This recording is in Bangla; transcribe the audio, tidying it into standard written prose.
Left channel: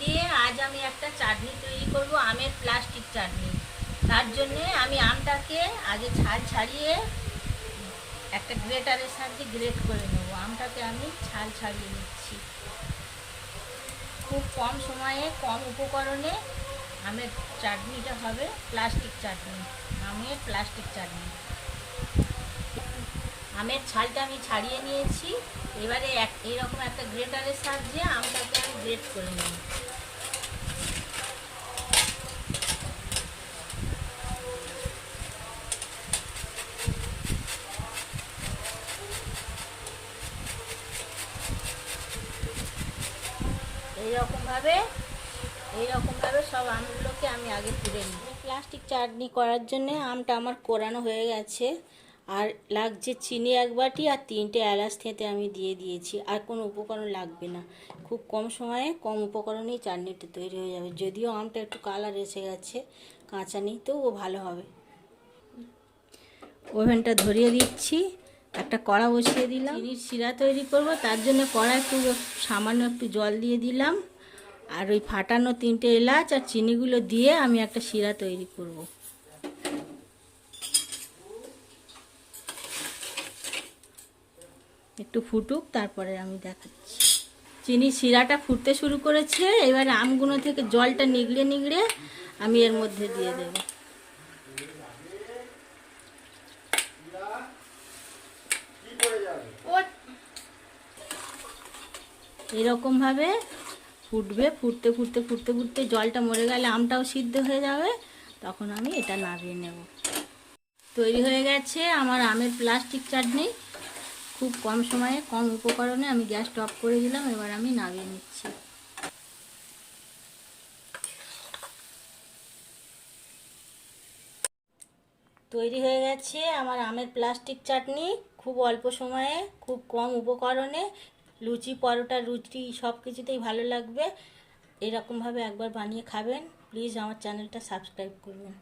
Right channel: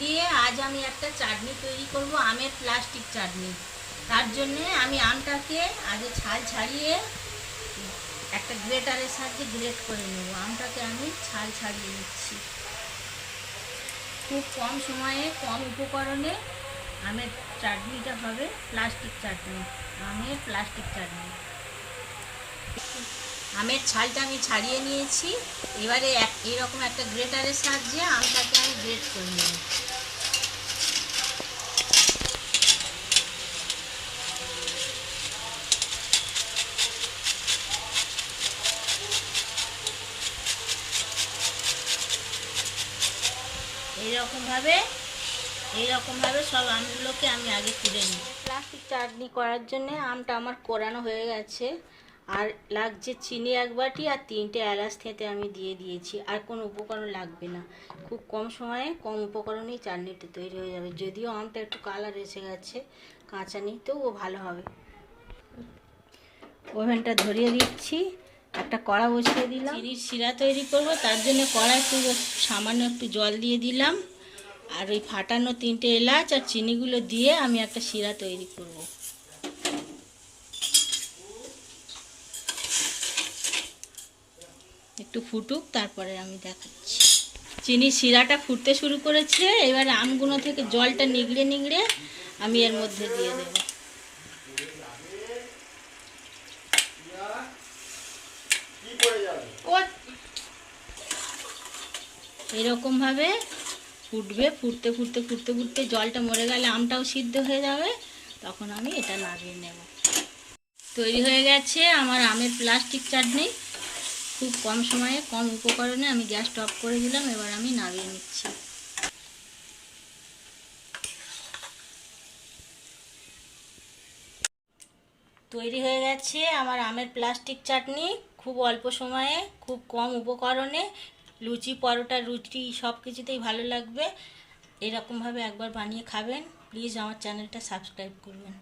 দিয়ে আজ আমি একটা চাটনি তৈরি করব, আমের প্লাস্টিক চাটনি। তার জন্য আমি আমটাকে আগে ছাল ছাড়িয়ে একটা গ্রেটারের সাহায্যে গ্রেট করে নেব। আমটাকে আমি ছাল ছাড়িয়ে নিচ্ছি। খুব কম সময়ে কম উপকরণে আমের চাটনিটা হবে প্লাস্টিক চাটনি, আমের প্লাস্টিক চাটনি। আমের ছালটা আমি ছাড়িয়ে নিয়েছি। এবারে এইরকম একটা গ্রেটারের সাহায্যে আমটাকে আমি গ্রেট করে নেব। এইরকমভাবে সব আমগুলোকে আমি আগে তুলে নিই। প্লাস্টিক চাটনি করার জন্য আমটা আমার কোরানো হয়ে গেছে। আর লাগছে চিনি 1 বাটি আর 3টে এলাচ থেঁতে আমি দিয়ে দিয়েছি। আর কোনো উপকরণ লাগবে না। খুব কম সময়ে কম উপকরণেই চাটনিটা তৈরি হয়ে যাবে। যদিও আমটা একটু কালার এসে গেছে, কাঁচা নেই, তবুও ভালো হবে। ওভেনটা ধরিয়ে দিচ্ছি, একটা কড়া বসিয়ে দিলাম। চিনির শিরা তৈরি করব, তার জন্য কড়া একটু সামান্য একটু জল দিয়ে দিলাম। আর ওই ফাটানো 3টে এলাচ আর চিনিগুলো দিয়ে আমি একটা শিরা তৈরি করব। একটু ফুটুক, তারপরে আমি দেখাচ্ছি। চিনির শিরাটা ফুটতে শুরু করেছে। এবারে আমগুলো থেকে জলটা নিগড়ে নিগড়ে আমি এর মধ্যে দিয়ে দেব। এরকমভাবে ফুটবে। ফুটতে ফুটতে ফুটতে ফুটতে জলটা মরে গেলে আমটাও সিদ্ধ হয়ে যাবে। তখন আমি এটা নামিয়ে নেব। তৈরি হয়ে গেছে আমার আমের প্লাস্টিক চাটনি। খুব কম সময়ে কম উপকরণে আমি গ্যাসটা অফ করে দিলাম। এবার আমি নামিয়ে নিচ্ছি। তৈরি হয়ে গেছে আমার আমের প্লাস্টিক চাটনি। খুব অল্প সময়ে খুব কম উপকরণে লুচি, পরোটা, রুটি সব কিছুতেই ভালো লাগবে। এরকমভাবে একবার বানিয়ে খাবেন। প্লিজ আমার চ্যানেলটা সাবস্ক্রাইব করবেন।